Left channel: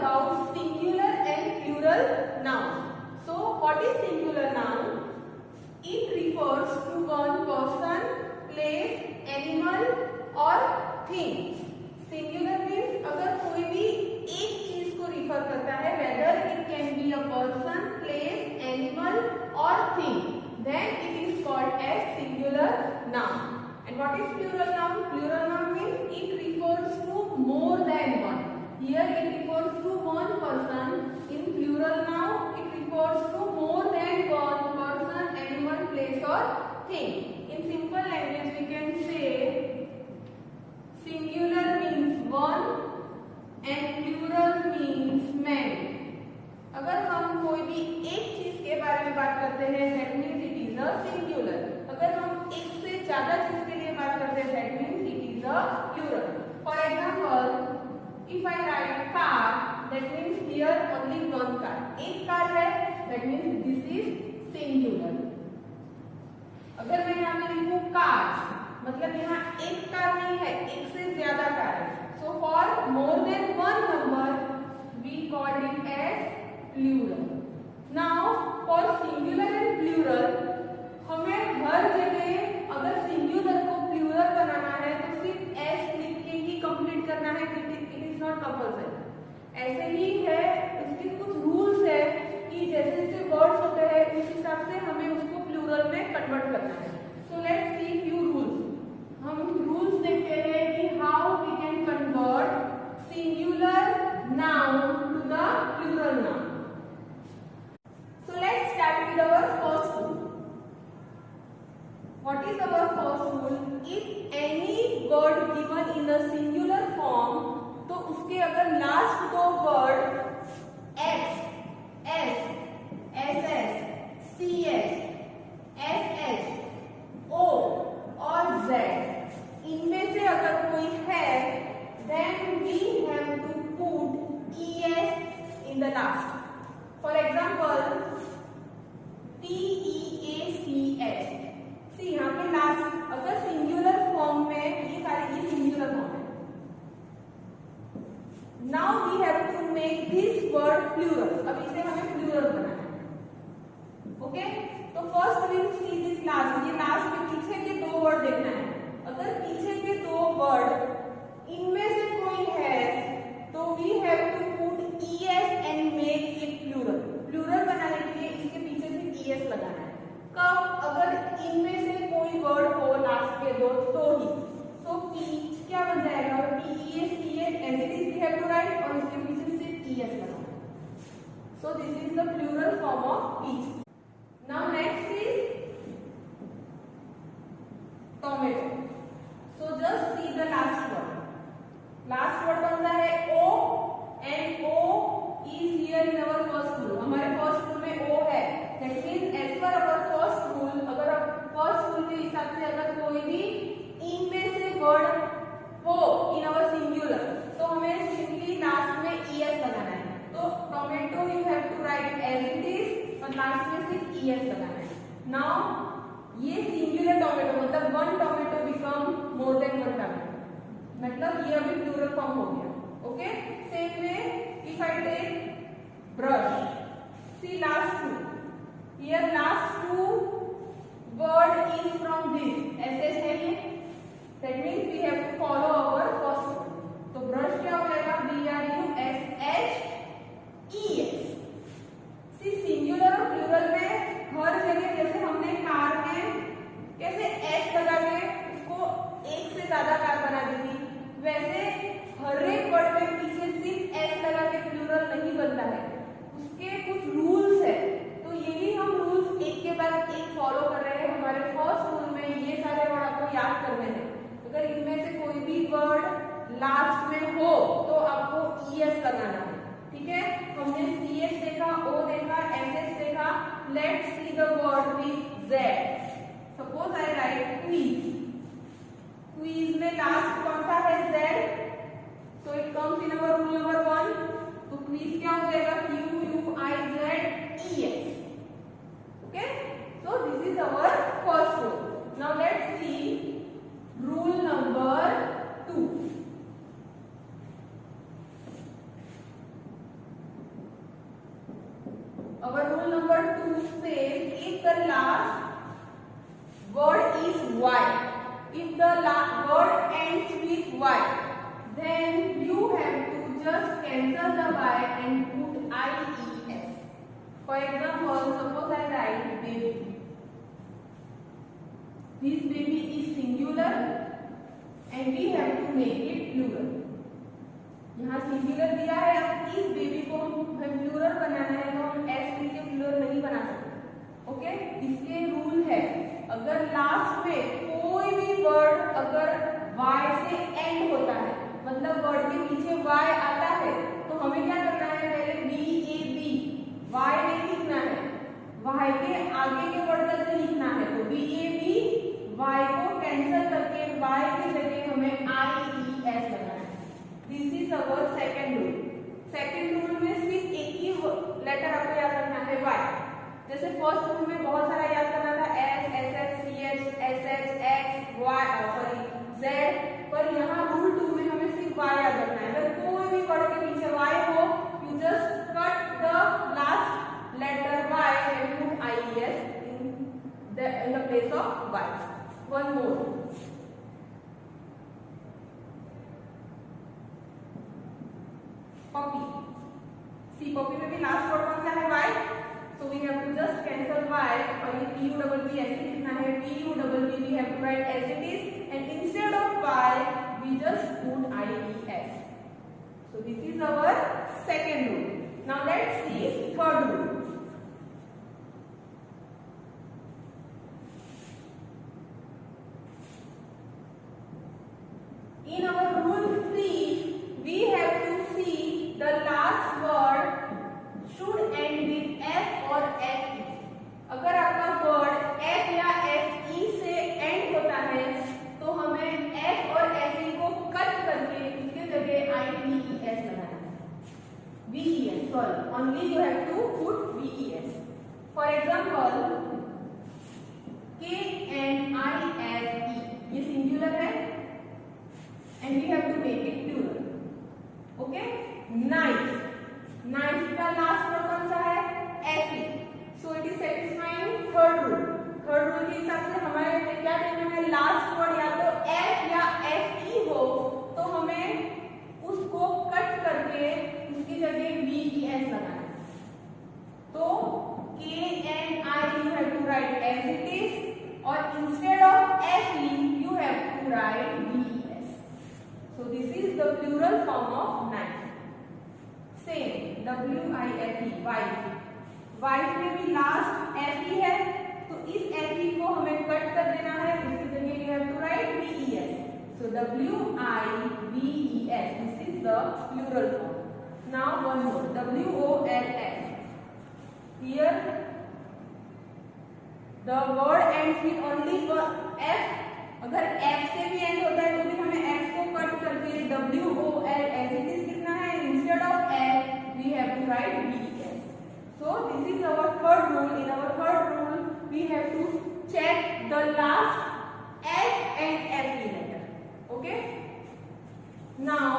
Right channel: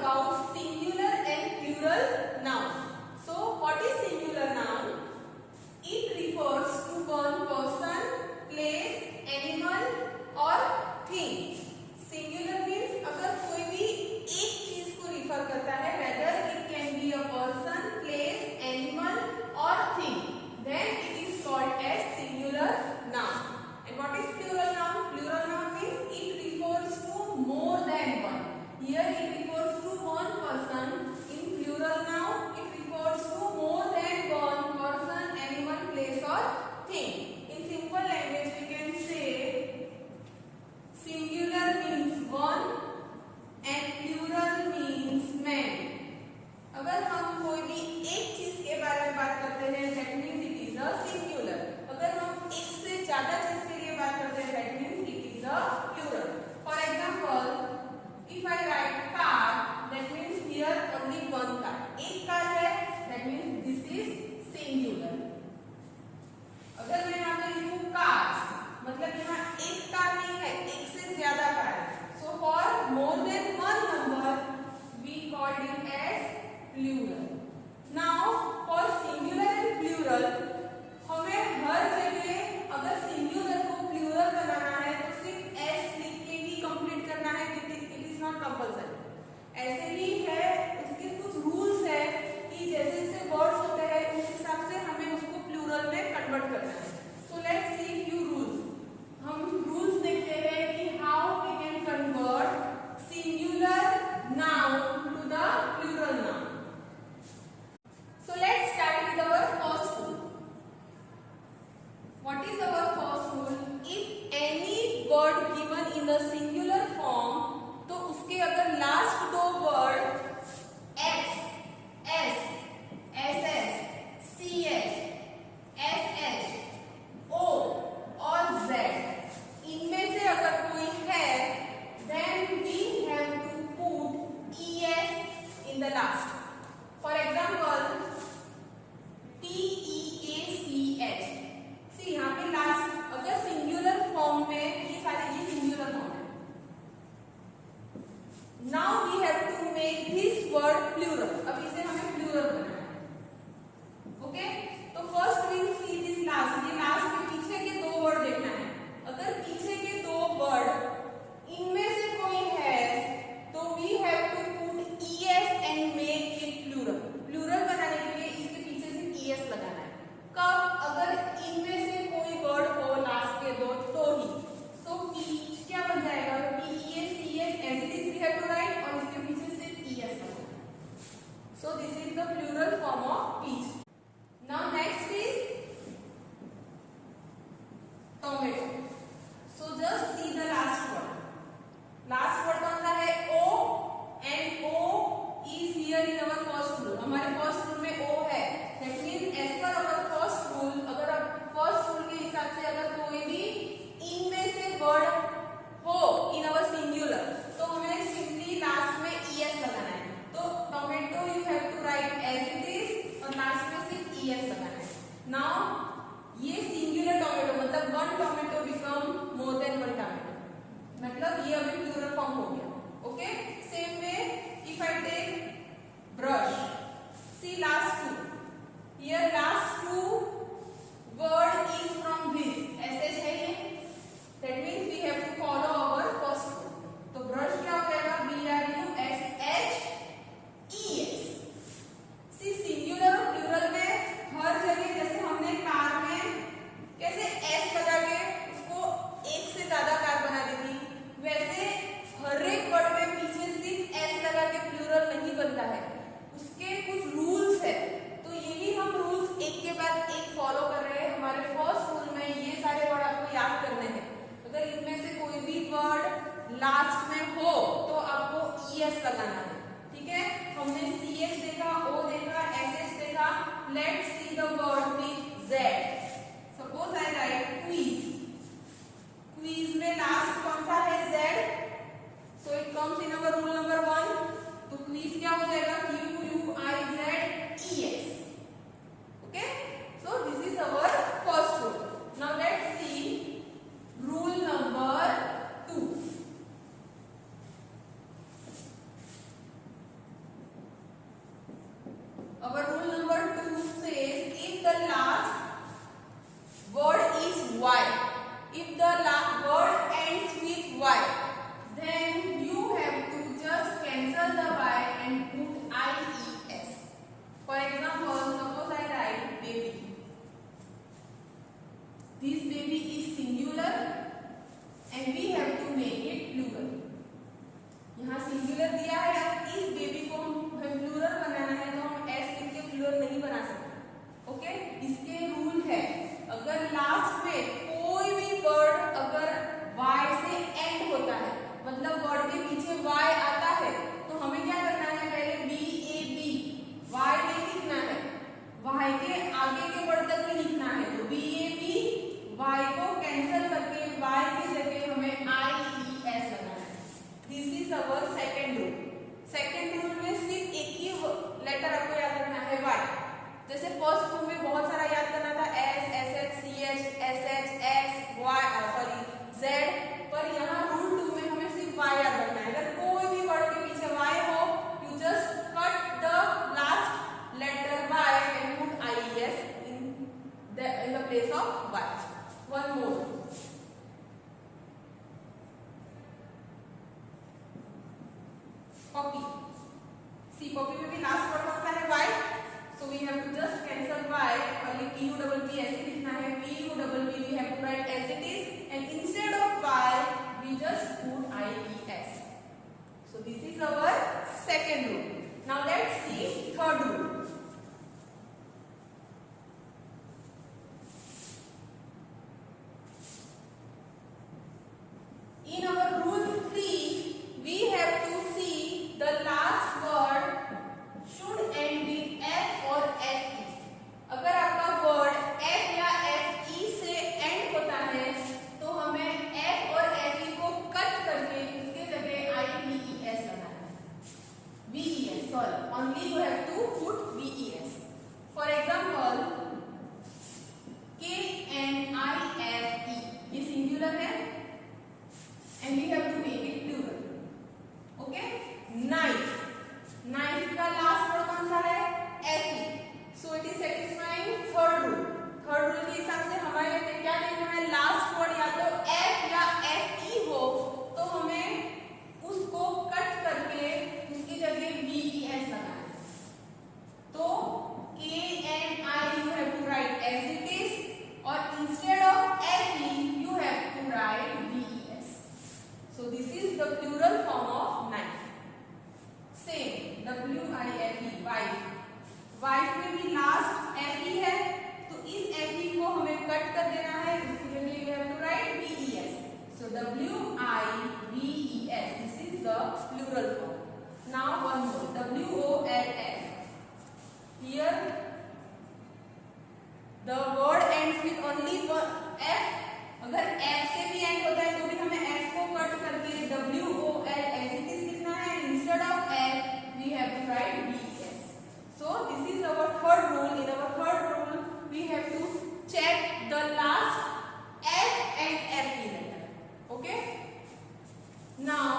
about singular and plural noun. So what is singular noun? It refers to one person, place, animal or thing. Singular means अगर कोई भी एक चीज को refer करता है, whether it can be a person, place, animal or thing, then it is called as singular noun. And what is plural noun? Plural noun means it refers to more than one. Here it refers to one person. In plural noun, it refers to more than one person, animal, place or thing. In simple language, we can say singular means one and plural means many. अगर हम कोई भी एक चीज के बारे में बात करते हैं, that means it is a singular. अगर हम एक से ज्यादा चीज के लिए बात करते हैं, that means it is a plural. For example, if I write car, that means here only one car. एक कार है, that means this is singular. अगर मैं यहाँ पे लिखूँ cars, मतलब यहाँ एक कार नहीं है, एक से ज्यादा कार है. So for more than one number, we called it as plural. Now for singular and plural, हमें हर जगह अगर singular को plural बनाना है तो सिर्फ s लिख के ही कंप्लीट करना है. It is not compulsory. ऐसे ही है, इसके कुछ रूल्स है कि जैसे जैसे वर्ड्स होते हैं उस हिसाब से हमें उसको प्लूरल में कन्वर्ट करना है. So let's see few rules. हम रूल्स देखते हैं कि how we can convert singular noun to the plural noun. So let's start with our first rule. What is our first rule? If any word given in the singular form, तो उसके अगर last दो word x, s, ss, ch, sh, o और z इनमें से अगर कोई है, then we have to put es in the last. For example, teach. See यहाँ पे लास्ट अगर सिंगुलर फॉर्म में, ये सारी चीज सिंगुलर फॉर्म है. Now we have to make this word plural. अब इसे हमें प्लूरल बनाना है. ओके, तो first we see this last. ये लास्ट में पीछे के दो वर्ड देखना है. अगर पीछे के दो वर्ड इनमें से कोई है तो we have to put es and make it plural. Plural बनाने के लिए इसके पीछे से es लगाना है. कब? अगर इनमें से कोई वर्ड हो लास्ट के दो तो ही. तो पीच क्या बन जाएगा? PEACH as it is we have to write और इसके पीछे से es लगाना है. So this is the plural form of peach. Now next is tomato. So just see the last word. Last word कौन सा है? O and O is here in our first rule. हमारे फर्स्ट रूल में O है. That means as per our first rule, अगर आप first rule के हिसाब से अगर कोई भी इनमें से वर्ड हो in our singular, तो हमें सिंपली लास्ट में es लगाना है. तो tomato you have to write as it is और लास्ट में सिर्फ es लगाना है. Now ये सिंगुलर टोमेटो मतलब one tomato become more than one tomato, मतलब ये अभी प्लूरल फॉर्म हो गया. Okay, same way if I take brush, see last two. Here last two word is from this. sh है ये. That means we have to follow our first rule. तो brush क्या हो जाएगा? brush. See singular और plural में हर जगह जैसे हमने कार में कैसे s लगा के उसको एक से ज्यादा कार बना दी थी, वैसे हर एक वर्ड में पीछे सिर्फ s लगा के प्लूरल नहीं बनता है. उसके कुछ रूल्स है. तो यही हम रूल्स एक के बाद एक फॉलो कर रहे हैं. हमारे फर्स्ट रूल में ये सारे वर्ड आपको याद करने हैं. अगर इनमें से कोई भी वर्ड लास्ट में हो तो आपको es लगाना है. ठीक है, हमने ch देखा, o देखा, sh देखा. Let's see the word with z. Suppose I right quiz. Quiz में लास्ट कौन सा है? z. So it comes in our rule number 1. तो क्वीज क्या हो जाएगा? QUIZES. Okay, so this is our first rule. Now let's see rule number 2. our rule number 2 says if the last word is y, if the last word ends with y, then you have to just cancel the y and put ies. For example, suppose I write baby. This baby is singular and we have to make it plural. यहाँ singular दिया है, अब इस baby को हम plural बनाना है तो हम एस लिख के प्लूरल नहीं बना सकते। ओके, इसके रूल है, अगर लास्ट में कोई भी वर्ड अगर y से एंड होता है, मतलब वर्ड के पीछे y आता है, तो हमें क्या करना है, पहले b a b y नहीं लिखना है, y के आगे के वर्ड तक ही लिखना है। तो b a b y को कैंसिल करके y की जगह हमें i e s लगाना है। This is our second rule. Second rule में सिर्फ एक ही लेटर आपको याद रखना है y। जैसे फर्स्ट रूल में बहुत सारा याद करना था s s h c h s h x y z, पर यहाँ रूल 2 में हमें सिर्फ y याद रखना है। अगर कोई भी वर्ड के पीछे y हो, you just cut the last letter y and put ies in the place of y. One more. Poppy. See, poppy में भी लास्ट वर्ड कौन सा है y, so we have to just cancel y और ये p u double p ऐसे लिखना है, p u double p we have to write as it is and instead of y we just put ies. So this is our second rule. Now let's see third rule. In our rule 3 we have to see the last word should end with f or fe. अगर आपका word f या fe से and होता है तो हमें f और fe को कट करके इसके जगह ies लगाना है। ves, sorry, only you have to put ves. For example, knife, ये सिंगुलर है and we have to make it plural. Okay, knife, knife का लास्ट वर्ड कौन सा है, fe. So it is satisfying third rule. Third rule के हिसाब से हमारे क्या देखना है, लास्ट वर्ड या तो f या fe हो तो हमें उसको कट करके उसकी जगह ves लगाना है। तो kni you have to write as it is और instead of fe you have to write ves. So this is the plural form of knife. Same, wife, wife, wife में भी लास्ट fe है तो इस fe को हमें cut कर देना है, इसकी जगह you have to write ves. So wives, this is the plural form. Now one more, woll. Here the word ends with only f. अगर f से भी एंड होता है तो भी हमें f को कट करके woll as it is लिखना है, instead of f we have to write ves. So this is our third rule. In our third rule we have to check the last f and fe letter. Okay, now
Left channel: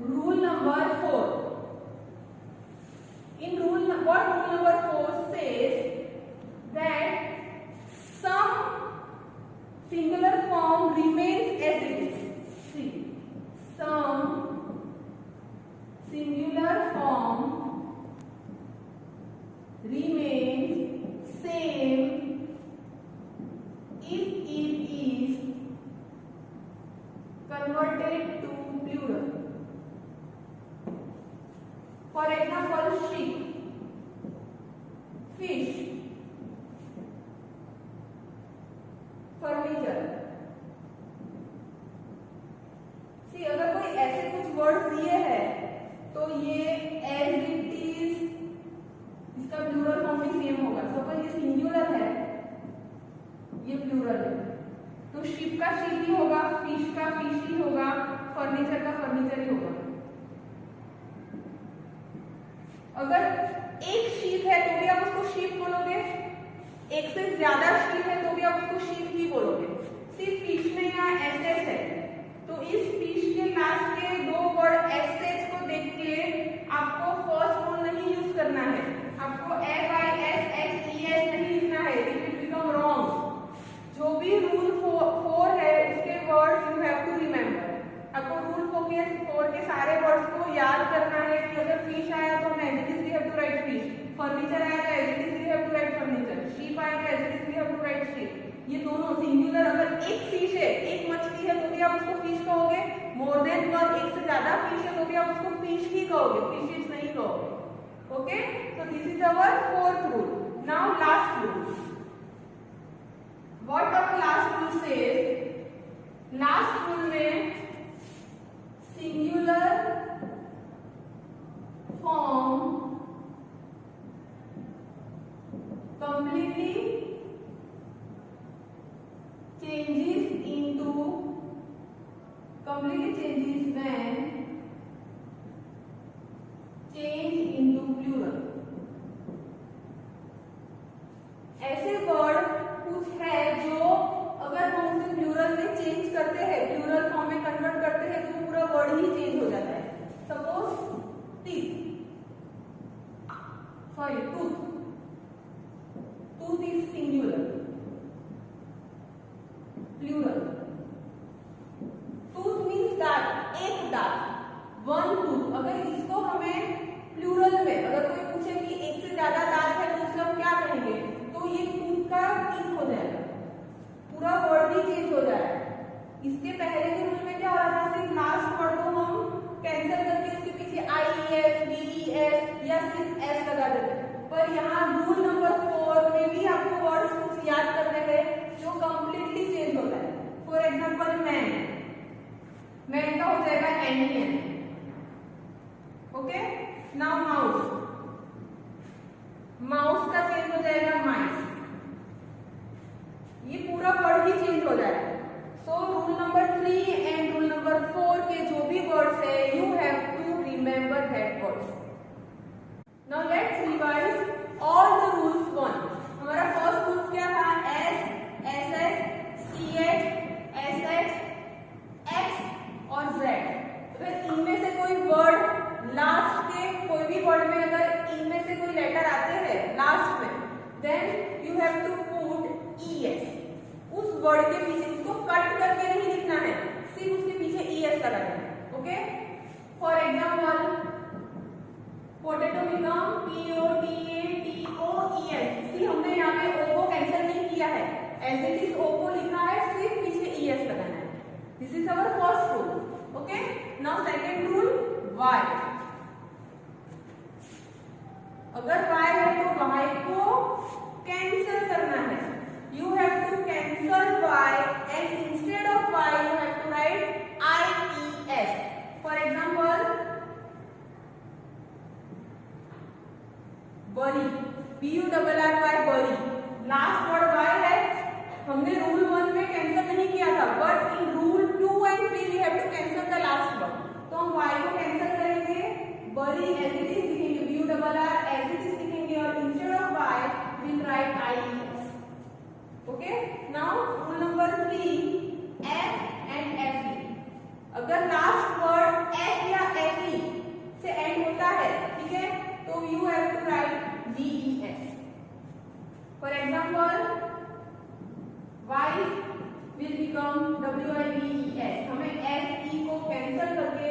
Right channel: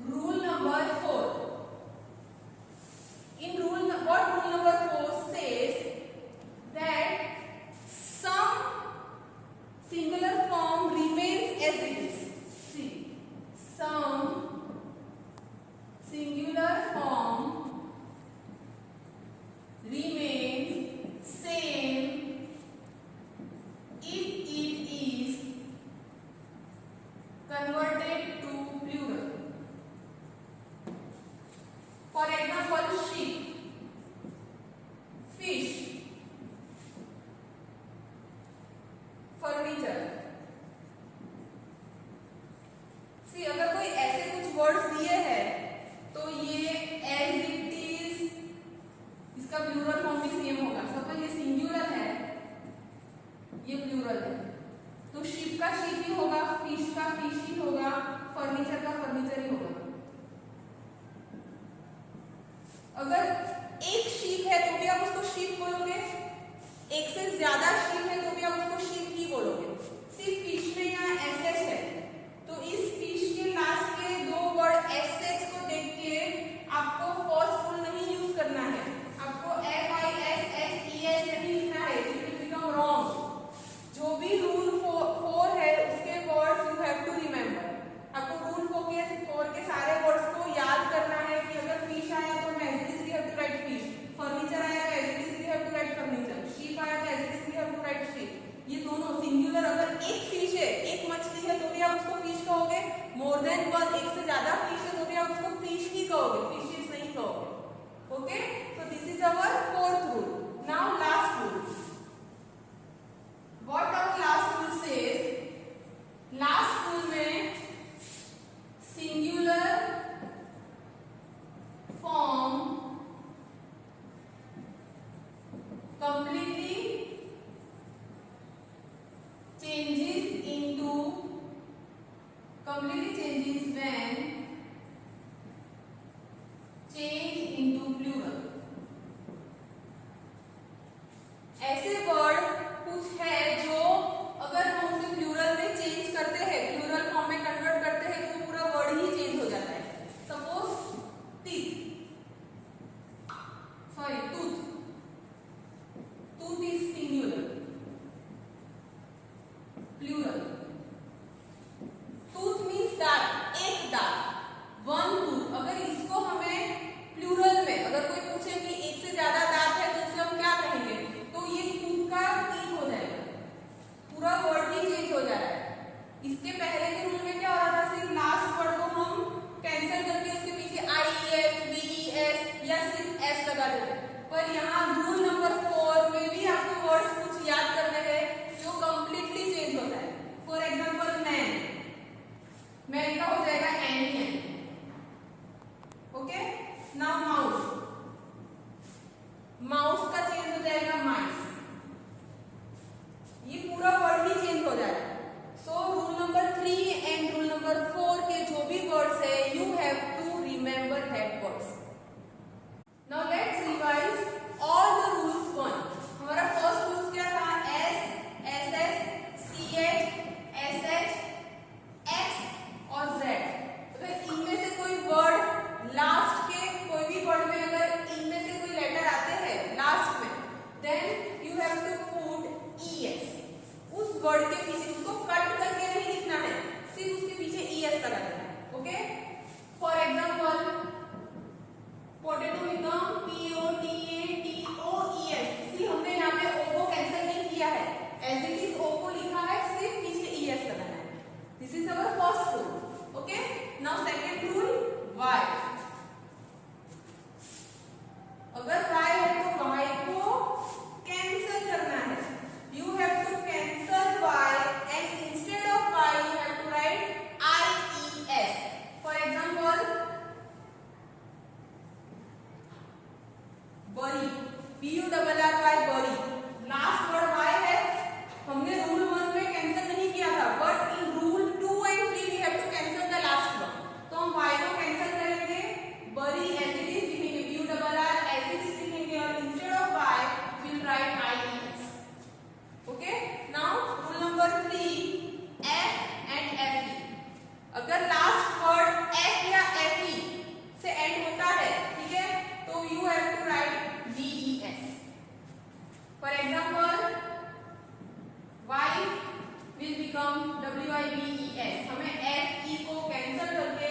rule number 4. In rule number 4 says that some singular form remains as it is. See, some singular form remains same if it is converted to plural. For example, sheep, fish, furniture. See अगर कोई ऐसे कुछ words दिए हैं तो ये as it is इसका plural form भी सेम होगा। सपोज ये सिंगुलर है, ये प्लूरल है, तो शिप का शिप ही होगा, फिश का फिश ही होगा, फर्नीचर का फर्नीचर ही होगा। अगर एक शिप है तो भी आप उसको शिप बोलोगे, एक से ज्यादा शिप है तो भी आप उसको शिप ही बोलोगे। सिर्फ फिश में यहाँ एस है तो इस फिश के लास्ट के दो वर्ड एस को देख के आपको फर्स्ट रूल नहीं यूज करना है, आपको आप उसको फिश ही कहोगे, फिशेस नहीं कहोगे. Okay, so this is our fourth rule. Now last rule. What our last rule says? Last rule में singular form completely changes when change into plural. ऐसे वर्ड कुछ है जो अगर हम उसे प्लूरल में चेंज करते हैं, प्लूरल फॉर्म में कन्वर्ट करते हैं, तो पूरा वर्ड ही चेंज हो जाता है. Suppose tooth. Tooth is singular, plural. Tooth means दांत, एक दांत, वन टूथ. अगर इसको हमें प्लूरल में अगर कोई पूछे कि एक से ज्यादा दांत है तो उसमें हम क्या कहेंगे, तो ये टूथ का टीथ हो जाएगा, पूरा वर्ड ही चेंज हो जाएगा. इसके पहले के रूल में क्या हो रहा था, सिर्फ लास्ट वर्ड को हम कैंसिल करके उसके पीछे IES, VES या सिर्फ S लगा देते. पर यहाँ रूल नंबर 4 में भी आपको वर्ड्स कुछ याद करने हैं जो कंप्लीटली चेंज होता है. फॉर एग्जांपल मैन का हो जाएगा MEN. ओके, नाउ माउस का चेंज हो जाएगा माइस. ये पूरा वर्ड ही चेंज हो जाएगा. So rule number 3 and rule number 4 के जो भी वर्ड्स है, you have to remember that words. Now let's revise all the rules one. हमारा फर्स्ट रूल क्या था, S, SS, CH, SH, X और Z. अगर इनमें से कोई वर्ड लास्ट के कोई भी वर्ड में अगर इनमें से कोई लेटर आते हैं लास्ट में, then you have to put ES. उस वर्ड के पीछे उसको कट करके नहीं लिखना है, सिर्फ उसके पीछे ES लगा देना है. Okay, for example potato become POTATOES. सी हमने यहाँ पे O को कैंसिल नहीं किया है, एज इट इज O को लिखा है, सिर्फ पीछे ES लगाना है. This is our first rule. Okay, now second rule, Y. अगर Y है तो Y को कैंसिल करना है. You have to cancel Y and instead of Y you have to write IES. For example, bury, BURRY, bury. Last word Y है. हमने rule 1 में cancel नहीं किया था, but in rule 2 and 3 we have to cancel the last one. तो हम Y को cancel करेंगे, bury as it is लिखेंगे, BURRY as it is लिखेंगे, और instead of Y we'll write IES. Okay, now rule number 3, F and FE. अगर last word F या FE से एंड होता है, ठीक है, तो you have to write VES. For example, wife will become WIVES. हमें FE को कैंसिल करके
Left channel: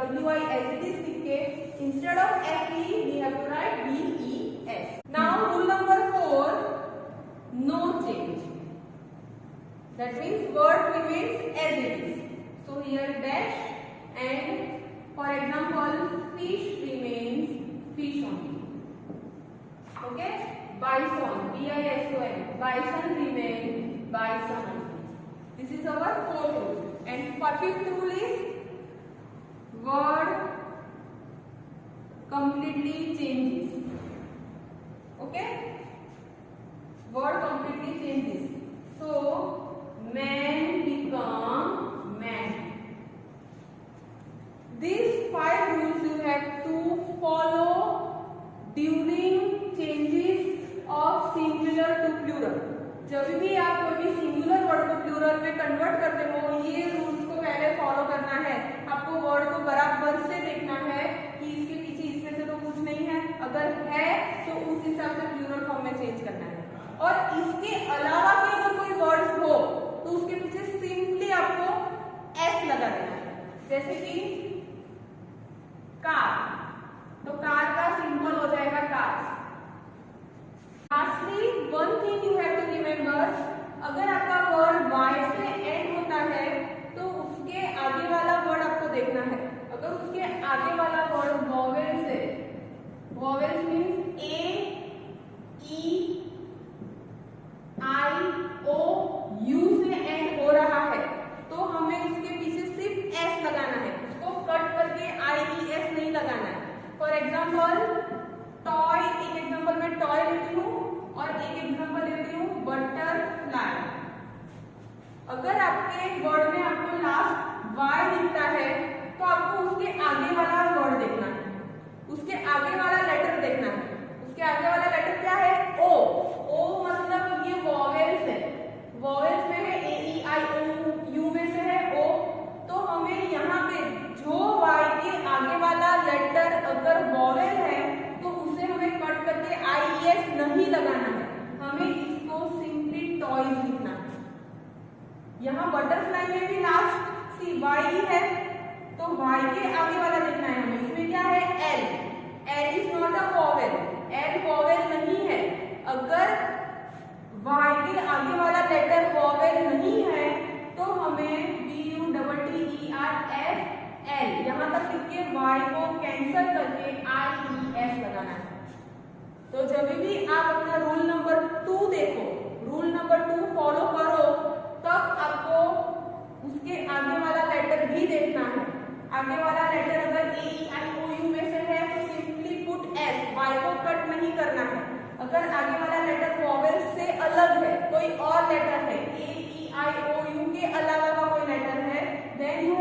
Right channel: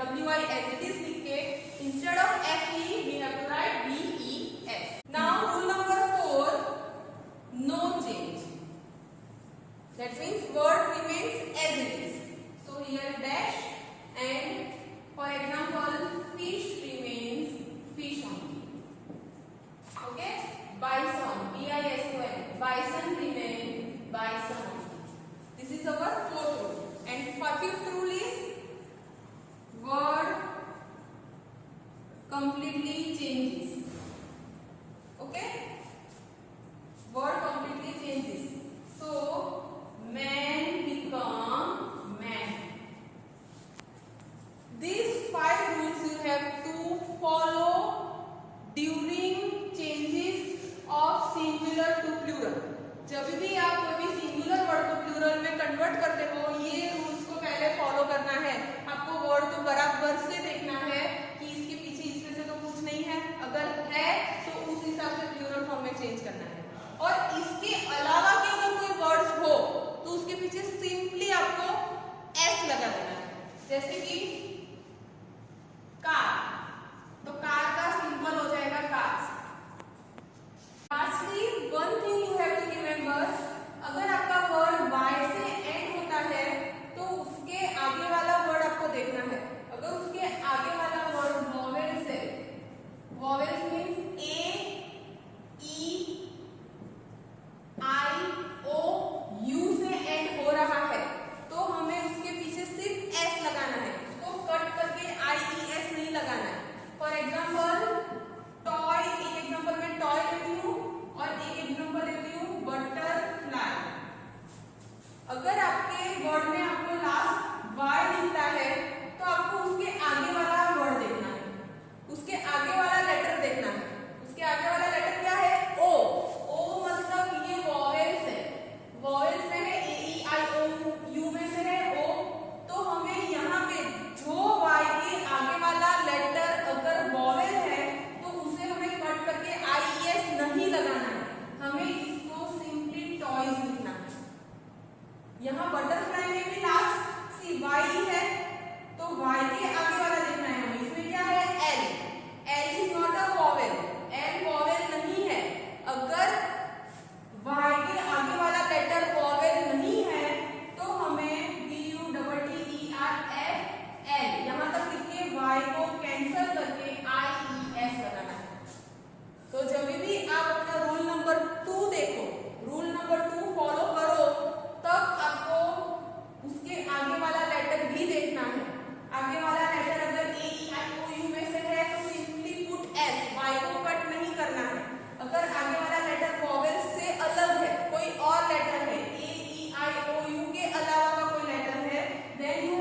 WI as it is लिख के instead of FE we have to write VES. Now rule number 4, no change. That means word remains as it is. So here dash, and for example fish remains fish only. Okay, bison, BISON, bison remains bison only. This is our fourth rule. And fifth rule is word completely changes. Okay, word completely changes. So man become man. These 5 rules you have to follow during changes of singular to plural. जब भी आप कोई भी singular word को plural में convert करते हो, ये रूल्स को पहले फॉलो करना है. यहाँ बटरफ्लाई में भी लास्ट सी वाई है, तो वाई के आगे वाला देखना है हमें। इसमें क्या है? L. L is not a vowel, L vowel नहीं है। अगर वाई के आगे वाला लेटर वॉवेल नहीं है तो हमें BUTTERFL यहाँ तक लिख के वाई को कैंसल करके IES लगाना है। तो जब भी आप अपना रूल नंबर 2 देखो, रूल नंबर 2 फॉलो करो, तब आपको उसके आगे वाला लेटर भी देखना है। आगे वाला लेटर अगर AEIOU में से है तो सिंपली पुट S, वाई को कट नहीं करना है। अगर आगे वाला लेटर वॉवेल से अलग है, कोई और लेटर है, AEIOU के अलावा का कोई लेटर है, देन यू